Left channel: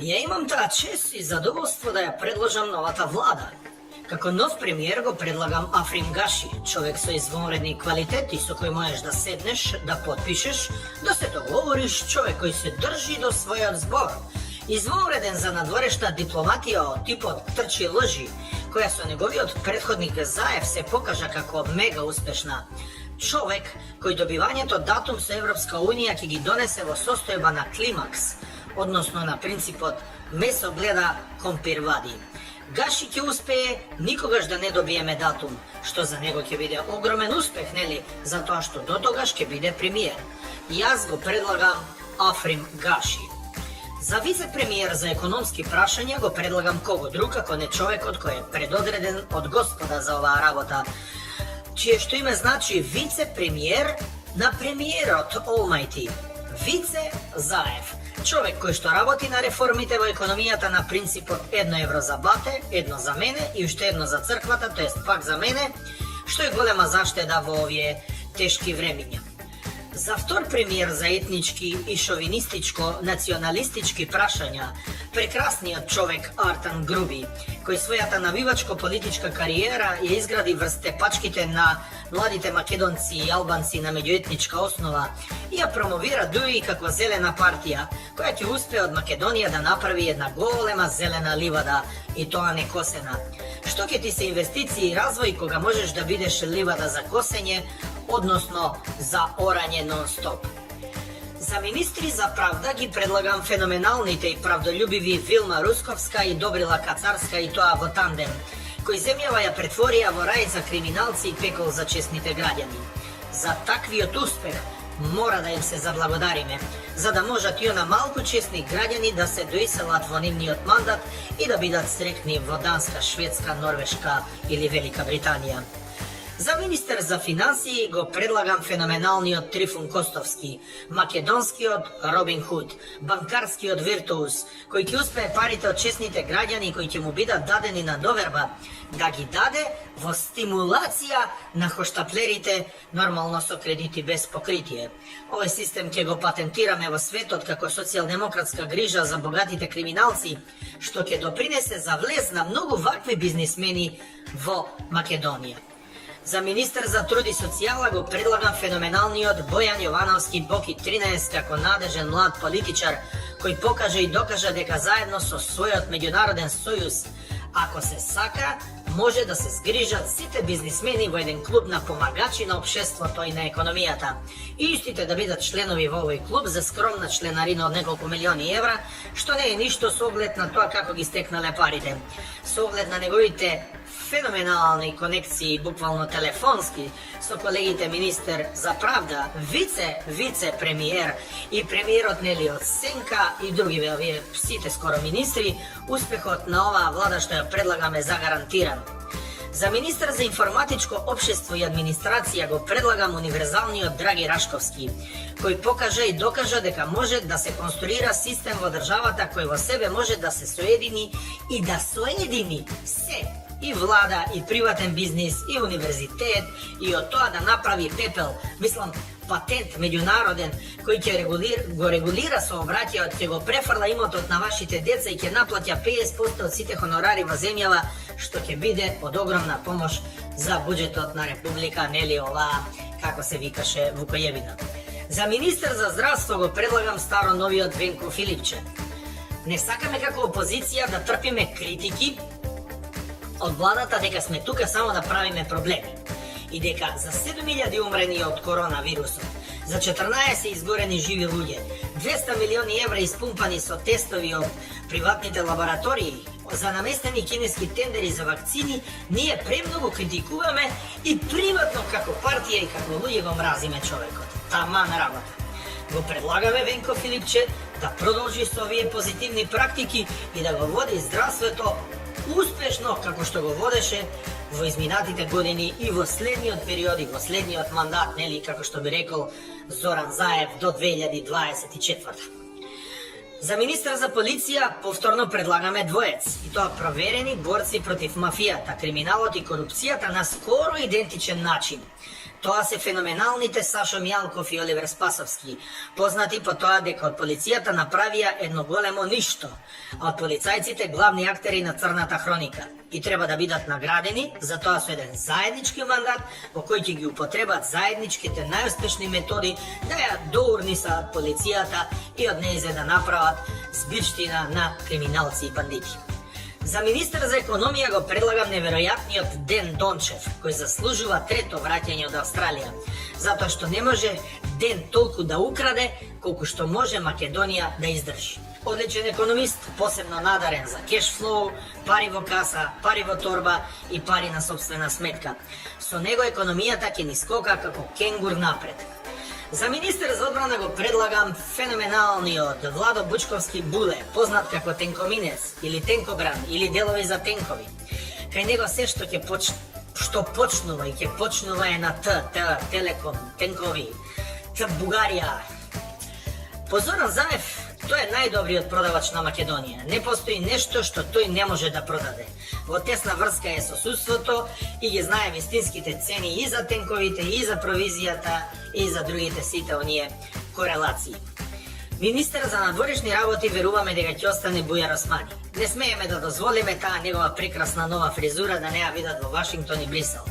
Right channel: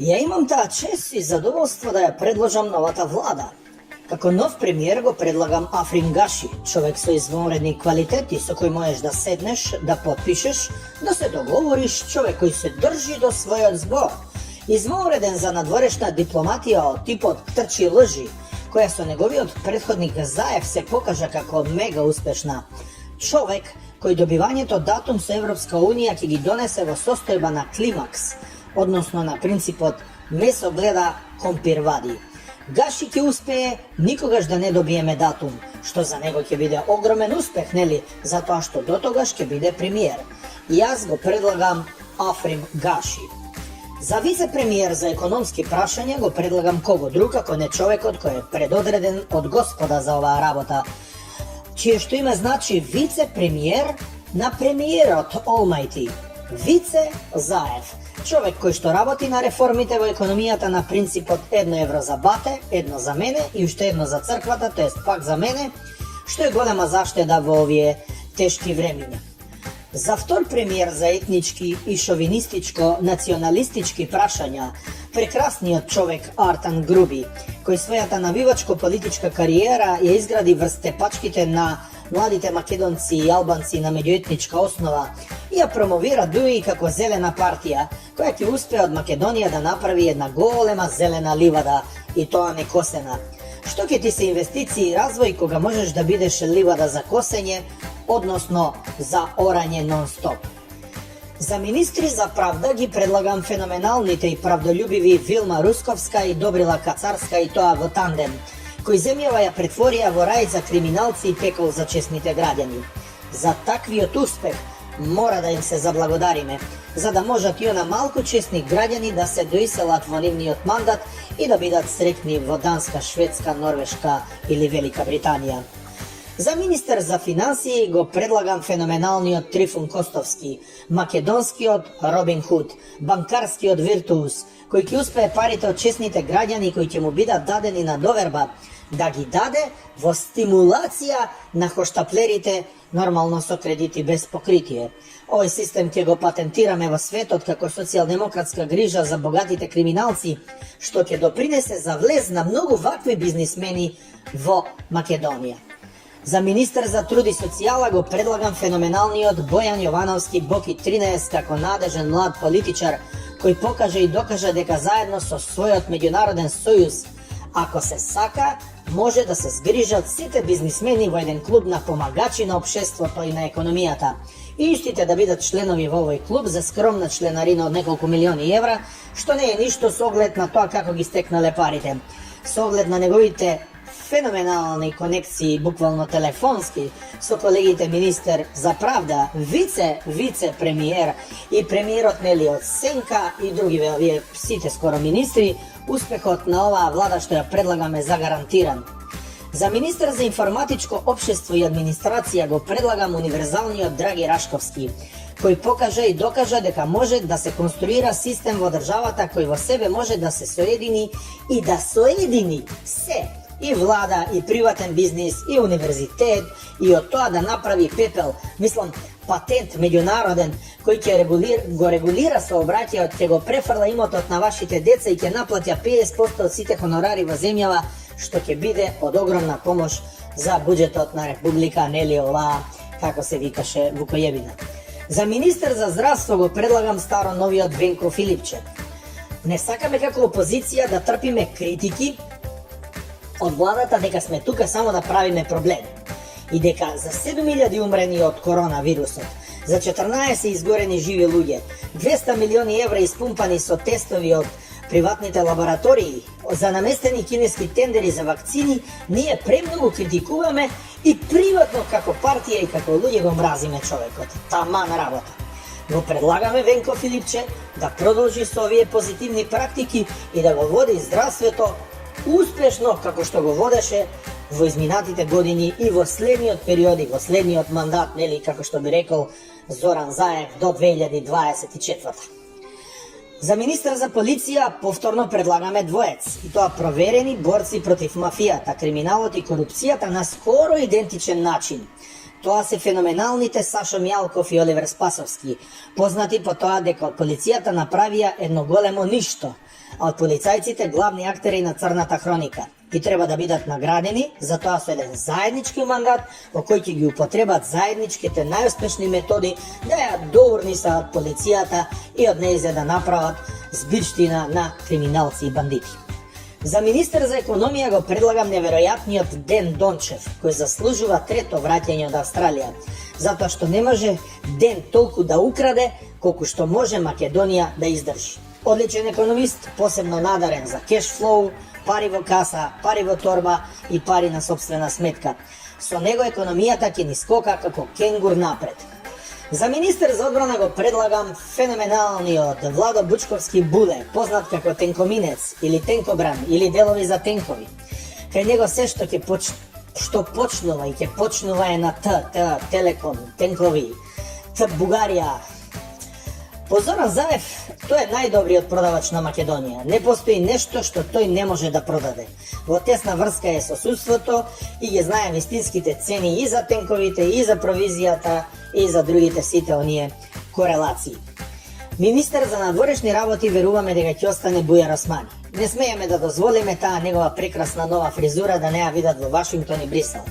Ja imam ta čest i zadovoljstvo da ja predložam novata vlada. Kako nov premijer go predlagam Afrim Gaši, čovjek sa izvanredni kvaliteti sa kojim možeš da sedneš, da potpišeš, da se dogovoriš, čovjek koji se drži do svoje zbor. Izvanreden za nadvorešna diplomatija od tipa od trči lži, koja su njegovi od prethodnika Zajev se pokaže kako mega uspešna. Čovjek koji dobivanje to datum sa Evropska unija ki gi donese vo sostojba na klimaks, odnosno na princip od meso gleda kompir vadi. Gaši ki uspeje, nikogaš da ne dobijeme datum, što za nego će bide ogromen uspeh, neli, zato što do toga ške bide premijer. Jaz go predlagam Afrim Gaši. Za vicepremijer za ekonomski prašanja go predlagam kogo drug, ako ne čovjek od koje je predodreden od gospoda za ova rabota, čije što ime znači vicepremijer na premijer od Almighty. Vice Zajev. Čovjek koji što raboti na reformite vo ekonomijata na princip od 1 evro za bate, 1 za mene i ušte 1 za crkvata, to jest pak za mene, što je golema zašteda vo ovije teški vreminja. Za vtor premijer za etnički i šovinističko-nacionalistički prašanja prekrasnijot čovjek Artan Grubi, koji svojata navivačko-politička karijera je izgradi vrste pačkite na mladite Makedonci i Albanci na međuetnička osnova i ja promovira duji kako zelena partija, koja će uspje od Makedonija da napravi jedna golema zelena livada i to a ne kosena. Što će ti se investicije i razvoj koga možeš da bideš livada za kosenje, odnosno za oranje non stop. Za ministri za pravda gi predlagam fenomenalnite i pravdoljubivi Vilma Ruskovska i Dobrila Kacarska i toa vo tandem, koji zemljava ja pretvorija vo raj za kriminalci i pekol za česnite građani. Za takviot uspeh mora da im se zablagodarime, za da možat i ona malko česnih građani da se doiselat vo nivni od mandat i da bidat sretni vo Danska, Švedska, Norveška ili Velika Britanija. Za ministar za financije go predlagam fenomenalni od Trifun Kostovski, makedonski od Robin Hood, bankarski od Virtuus, koji ki uspeje parite od česnite građani koji će mu bidat dadeni na doverba, da gi dade vo stimulacija na hoštaplerite normalno so krediti bez pokritije. Ovaj sistem će go patentirame vo svet od kako socijaldemokratska griža za bogatite kriminalci, što će doprinese za vlez na mnogo vakvi biznismeni vo Makedonija. Za ministar za trud i socijala go predlagam fenomenalni od Bojan Jovanovski Boki 13 kako nadežen mlad političar koji pokaže i dokaže deka zajedno so svojot međunaroden sojuz, ako se saka, može da se zgrižat site biznismeni vo jedan klub na pomagači na opšestvo to i na ekonomijata. I istite da bidat členovi vo ovoj klub za skromna členarina od nekoliko milioni evra, što ne je ništo s ogled na to kako gi steknele parite. S ogled na negovite fenomenalni konekciji, bukvalno telefonski, so kolegite minister za pravda, vice-premijer i premijer od Neli od Senka i drugi site skoro ministri, uspehot na ova vlada što ja predlagame zagarantiran. Za ministar za informatičko opštestvo i administracija go predlagam univerzalni od Dragi Raškovski, koji pokaže i dokaže deka može da se konstruira sistem vo državata koji vo sebe može da se sojedini i da sojedini se i vlada, i privatan biznis, i univerzitet, i od toga da napravi pepel, mislim, patent međunaroden, koji će go regulira saobraćaj od čega prefarla imotot na vašite deca i će naplatja 50% od site honorari vo zemljava, što će bide od ogromna pomoć za budžetotna republika, neli ova, kako se vikaše, Vukojevina. Za ministar za zdravstvo go predlagam staro novi od Venko Filipče. Ne sakame kako opozicija da trpime kritiki od vladata deka sme tuka samo da pravime probleme i deka za 7000 umreni od koronavirusa, za 14 izgoreni živi ljudje, 200 milioni evra ispumpani so testovi od privatnite laboratoriji, za namesteni kineski tenderi za vakcini, nije premnogo kritikuvame i privatno kako partija i kako ljudje go mrazime čovekot. Taman rabota. Go predlagame Venko Filipče da produži s ovije pozitivni praktiki i da go vodi zdravstveto uspješno kako što go vodeše vo izminatite godini i vo slednji od periodi, vo slednji od mandat, neli kako što bi rekao Zoran Zajev do 2024. Za ministra za policija povtorno predlagame dvojec, i to provereni borci protiv mafijata, kriminalot i korupcijata na skoro identičan način. Тоа се феноменалните Сашо Мјалков и Оливер Спасовски, познати по тоа дека од полицијата направија едно големо ништо, а од полицајците главни актери на Црната хроника. И треба да бидат наградени за тоа со еден заеднички мандат во кој ќе ги употребат заедничките најуспешни методи да ја доурнисат полицијата и од нејзе да направат збирштина на криминалци и бандити. За министер за економија го предлагам неверојатниот Ден Дончев, кој заслужува трето враќање од Австралија, затоа што не може Ден толку да украде, колку што може Македонија да издржи. Одличен економист, посебно надарен за кешфлоу, пари во каса, пари во торба и пари на собствена сметка. Со него економијата ќе ни скока како кенгур напред. За министер за одбрана го предлагам феноменалниот Владо Бучковски Буле, познат како Тенкоминец или Тенкограм или делови за тенкови. Кај него се што почнува и ќе почнува е на Телеком, тенкови, Бугарија. По Зоран Заев, тој е најдобриот продавач на Македонија. Не постои нешто што тој не може да продаде. Во тесна врска е со судството и ги знае вистинските цени и за тенковите, и за провизијата, и за другите сите оние корелации. Министер за надворешни работи веруваме дека ќе остане Бујар Османи. Не смееме да дозволиме таа негова прекрасна нова фризура да не ја видат во Вашингтон и Брисел.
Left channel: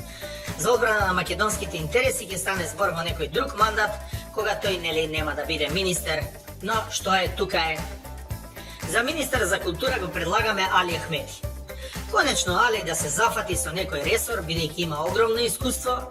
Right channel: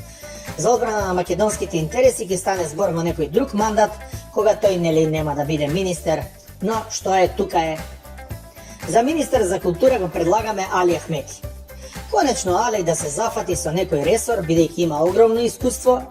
За одбрана на македонските интереси ќе стане збор во некој друг мандат, кога тој нели нема да биде министер, но што е, тука е. За министер за култура го предлагаме Али Ахмети. Конечно Али да се зафати со некој ресор, бидејќи има огромно искуство,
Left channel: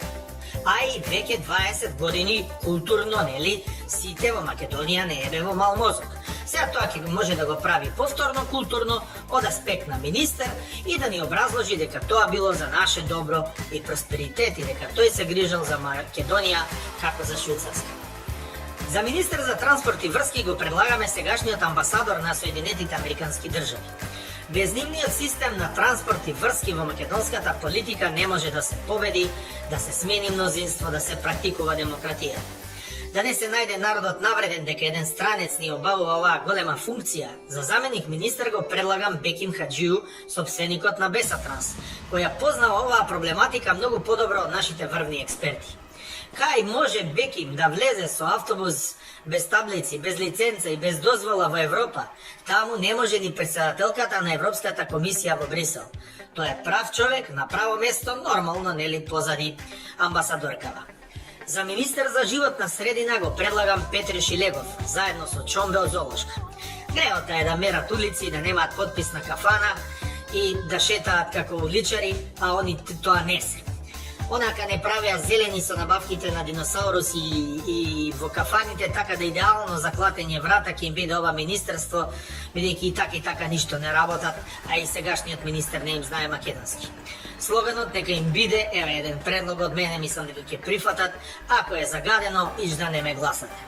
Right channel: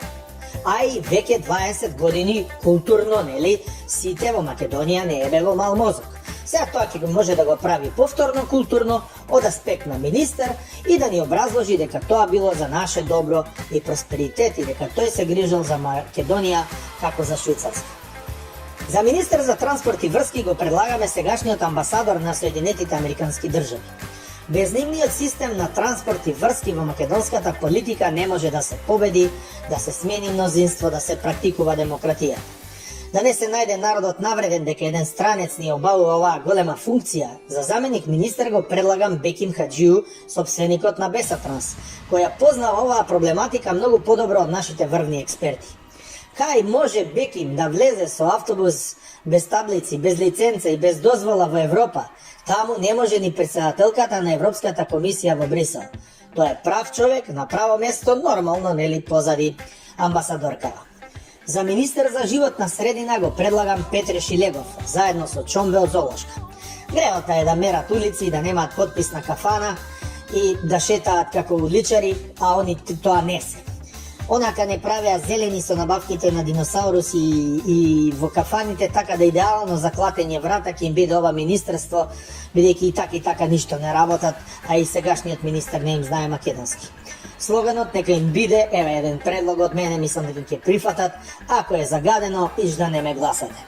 а и веќе 20 години културно, нели, сите во Македонија не е во мал мозок. Сега тоа ќе може да го прави повторно културно од аспект на министер и да ни образложи дека тоа било за наше добро и просперитет и дека тој се грижал за Македонија како за Швајцарска. За министер за транспорт и врски го предлагаме сегашниот амбасадор на Соединетите Американски држави. Без нивниот систем на транспорт и врски во македонската политика не може да се победи, да се смени мнозинство, да се практикува демократија. Да не се најде народот навреден дека еден странец ни обавува оваа голема функција, за заменик министер го предлагам Беким Хаджију, сопственикот на Бесатранс, која познава оваа проблематика многу подобро од нашите врвни експерти. Кај може Беким да влезе со автобус без таблици, без лиценца и без дозвола во Европа? Таму не може ни председателката на Европската комисија во Брисел. Тој е прав човек на право место, нормално, нели, позади амбасадоркава. За министер за животна средина го предлагам Петре Шилегов, заедно со Чомбел Золошка. Греота е да мерат улици и да немаат потписна кафана и да шетаат како уличари, а они тоа не се. Онака не правеа зелени со набавките на диносауруси и во кафаните, така да идеално за клатење врата ќе им биде ова министерство, бидејќи и така ништо не работат, а и сегашниот министер не им знае македонски. Слоганот нека им биде, еве еден предлог од мене, мислам дека ќе прифатат, ако е загадено, иш да не ме гласате.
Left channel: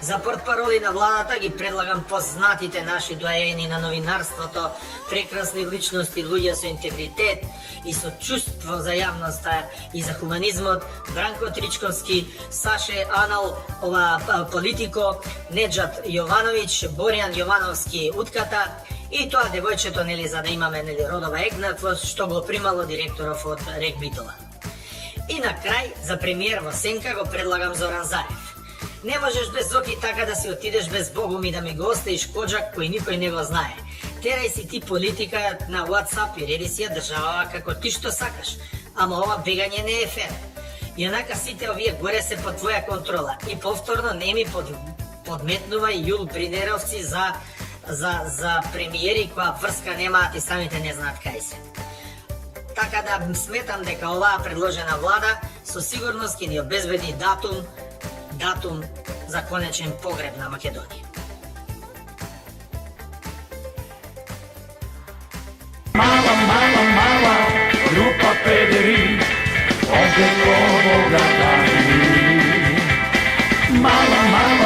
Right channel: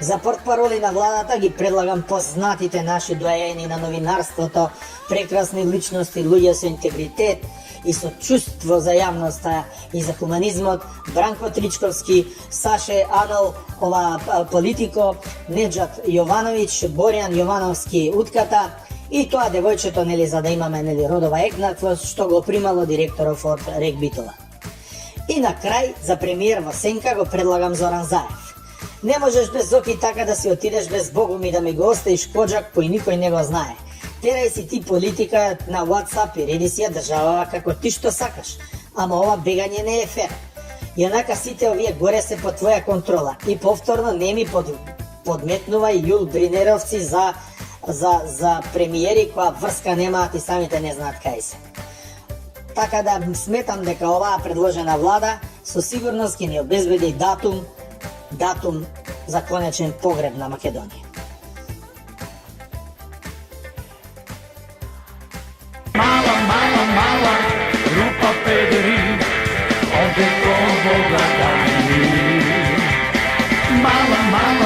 За портпароли на владата ги предлагам познатите наши доаени на новинарството, прекрасни личности, луѓе со интегритет и со чувство за јавноста и за хуманизмот, Бранко Тричковски, Саше Анал, политико, Неджат Јовановиќ, Боријан Јовановски, утката, и тоа девојчето, нели, за да имаме, нели, родова екнатвост, што го примало директоров од Регбитова. И на крај, за премиер во Сенка го предлагам Зоран Заев. Не можеш без Зоки така да си отидеш без Богум и да ми го оставиш поджак кој никој не го знае. Терај си ти политика на WhatsApp и реди си ја државава како ти што сакаш. Ама ова бегање не е фер. Јанака сите овие горе се под твоја контрола. И повторно не ми подметнувај Јул Бринеровци за премиери која врска немаат и самите не знаат кај се. Така да сметам дека оваа предложена влада со сигурност ќе ни обезбеди датум за конечен погреб на Македонија. Mala, grupa pederi, ovdje ko Boga dani. Mala,